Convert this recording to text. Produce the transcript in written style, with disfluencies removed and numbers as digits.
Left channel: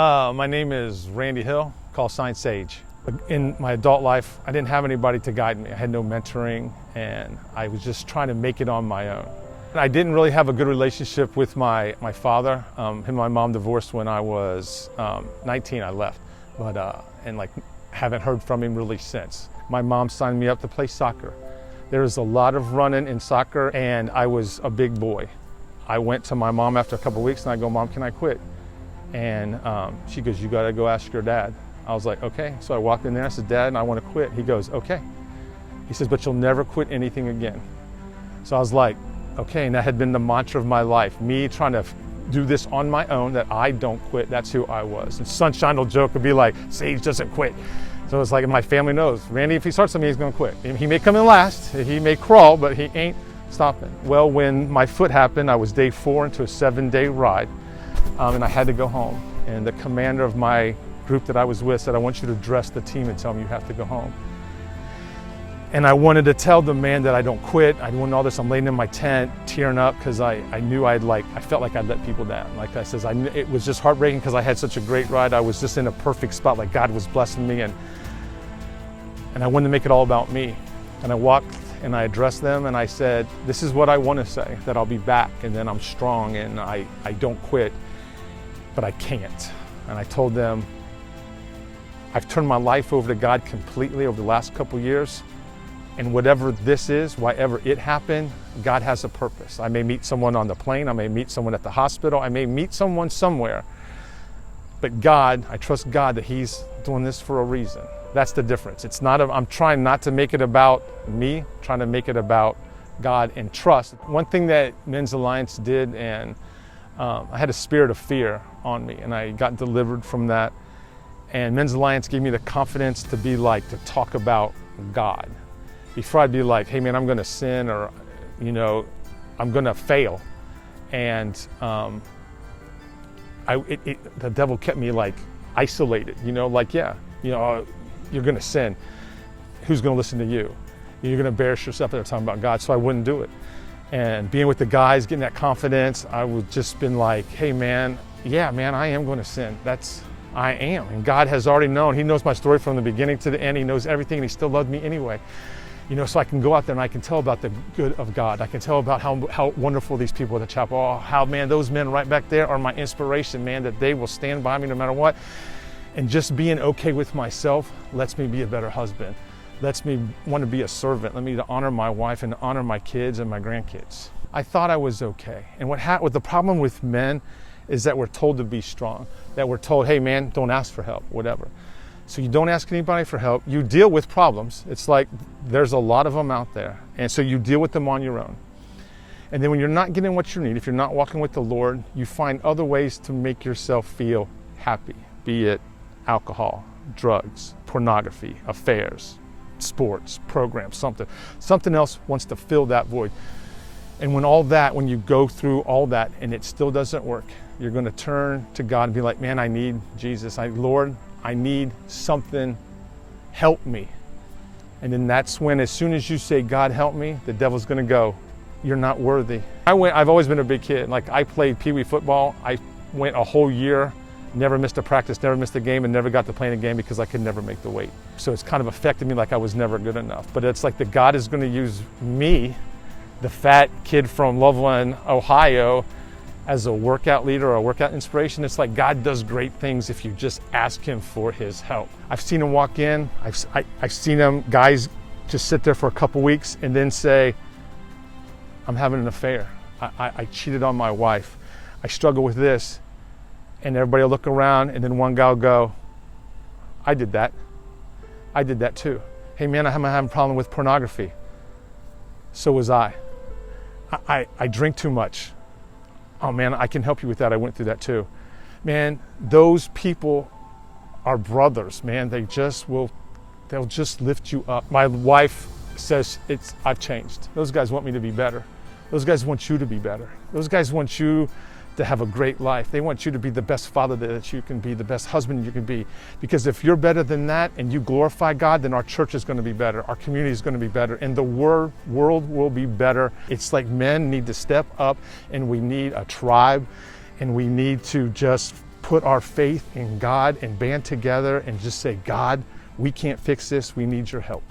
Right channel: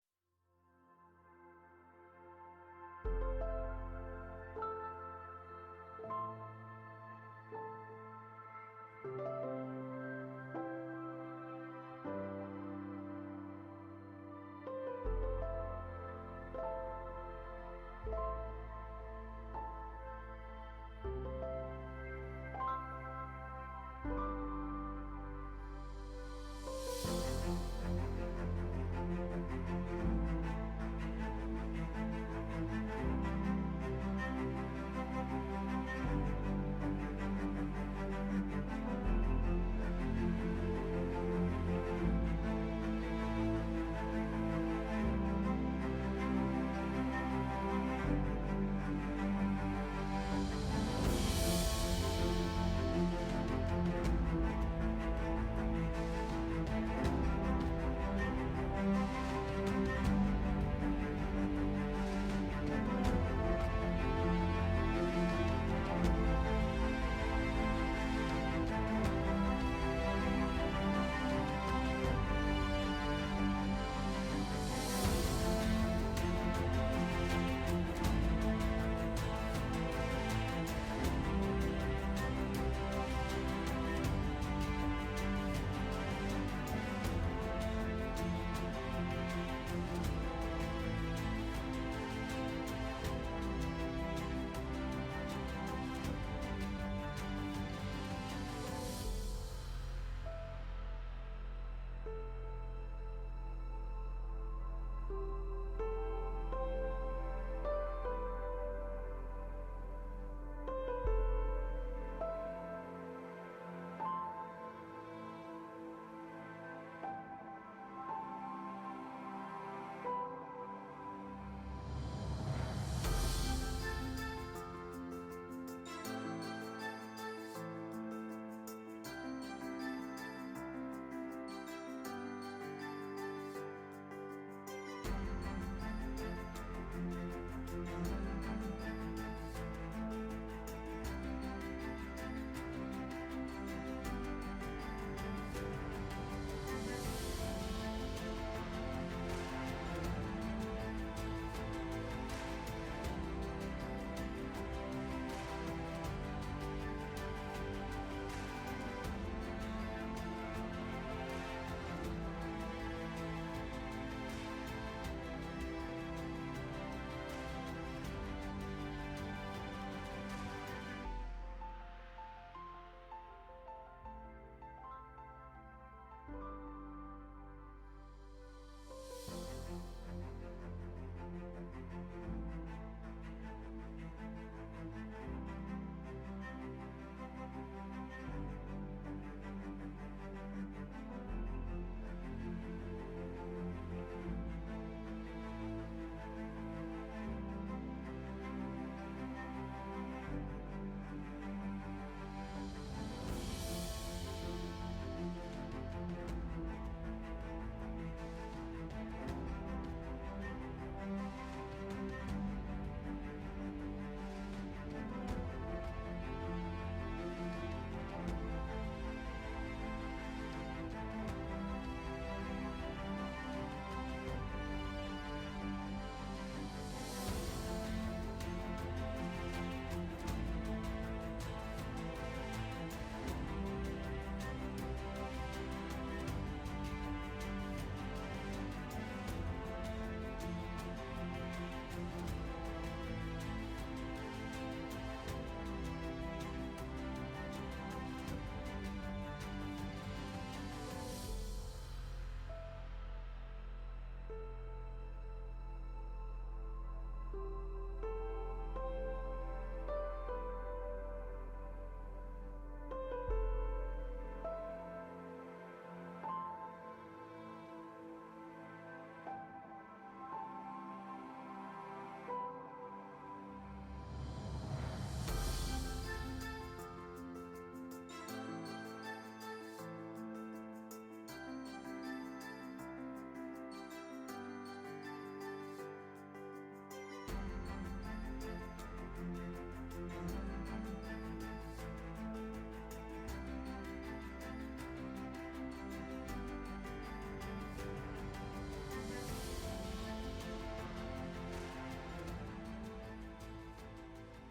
My name is Randy Hill, called sign Sage. In my adult life, I didn't have anybody to guide me. I had no mentoring, and I was just trying to make it on my own. I didn't really have a good relationship with my father. Him and my mom divorced when I was 19. I left, and haven't heard from him really since. My mom signed me up to play soccer. There was a lot of running in soccer, and I was a big boy. I went to my mom after a couple of weeks, and I go, "Mom, can I quit?" And she goes, "You gotta go ask your dad." I was like, "Okay." So I walked in there, I said, "Dad, I wanna quit." He goes, "Okay." He says, "But you'll never quit anything again." So I was like, okay, and that had been the mantra of my life, me trying to do this on my own, that I don't quit, that's who I was. And Sunshine will joke and be like, "Sage doesn't quit." So it's like, my family knows, Randy, if he starts something, he's gonna quit. And he may come in last, he may crawl, but he ain't stopping. Well, when my foot happened, I was day 4 into a 7-day ride. And I had to go home. And the commander of my group that I was with said, "I want you to address the team and tell them you have to go home." And I wanted to tell the man that I don't quit. I wanted all this. I'm laying in my tent, tearing up, because I knew I felt like I'd let people down. Like I says, it was just heartbreaking because I had such a great ride. I was just in a perfect spot, like God was blessing me, and I wanted to make it all about me. And I walked and I addressed them and I said, "This is what I want to say, that I'll be back, and then I'm strong, and I don't quit. But I can't." And I told them, I've turned my life over to God completely over the last couple years, and whatever this is, whatever it happened, God has a purpose. I may meet someone on the plane, I may meet someone at the hospital, I may meet someone somewhere, but God, I trust God that He's doing this for a reason. That's the difference. It's not, I'm trying not to make it about me, trying to make it about God and trust. One thing that Men's Alliance did, and I had a spirit of fear on me, and I got delivered from that. And Men's Alliance gave me the confidence to to talk about God. Before I'd be like, "Hey man, I'm gonna sin," or, "I'm gonna fail." And the devil kept me isolated, you're gonna sin. Who's gonna listen to you? You're gonna embarrass yourself at talking about God, so I wouldn't do it. And being with the guys, getting that confidence, I would just been like, "Hey man, yeah man, I am gonna sin. I am. And God has already known. He knows my story from the beginning to the end. He knows everything, and He still loved me anyway. So I can go out there and I can tell about the good of God. I can tell about how wonderful these people at the chapel are. How, man, those men right back there are my inspiration, man, that they will stand by me no matter what. And just being okay with myself lets me be a better husband. Lets me want to be a servant. Let me to honor my wife and to honor my kids and my grandkids. I thought I was okay. And what the problem with men is that we're told to be strong. That we're told, "Hey man, don't ask for help," whatever. So you don't ask anybody for help. You deal with problems. It's like there's a lot of them out there. And so you deal with them on your own. And then when you're not getting what you need, if you're not walking with the Lord, you find other ways to make yourself feel happy, be it alcohol, drugs, pornography, affairs, sports, programs, something else wants to fill that void. And when you go through all that and it still doesn't work, you're going to turn to God and be like, "Man, I need Jesus. Lord, I need something. Help me." And then that's when, as soon as you say, "God, help me," the devil's going to go, "You're not worthy." I've always been a big kid. I played Pee Wee football. I went a whole year, never missed a practice, never missed a game, and never got to play in a game because I could never make the weight. So it's kind of affected me like I was never good enough. But it's like that God is going to use me, the fat kid from Loveland, Ohio, as a workout leader or a workout inspiration. It's like God does great things if you just ask Him for His help. I've seen Him walk in. I've seen guys just sit there for a couple weeks and then say, "I'm having an affair. I cheated on my wife. I struggle with this." And everybody will look around, and then one guy will go, "I did that. I did that too. Hey man, I'm having a problem with pornography. So was I. I drink too much. Oh man, I can help you with that. I went through that too." Man, those people are brothers, man. They'll just lift you up. My wife says, I've changed. Those guys want me to be better. Those guys want you to be better. Those guys want you to have a great life. They want you to be the best father that you can be, the best husband you can be. Because if you're better than that and you glorify God, then our church is going to be better. Our community is going to be better. And the world will be better. It's like men need to step up, and we need a tribe, and we need to just put our faith in God and band together and just say, God, we can't fix this. We need your help.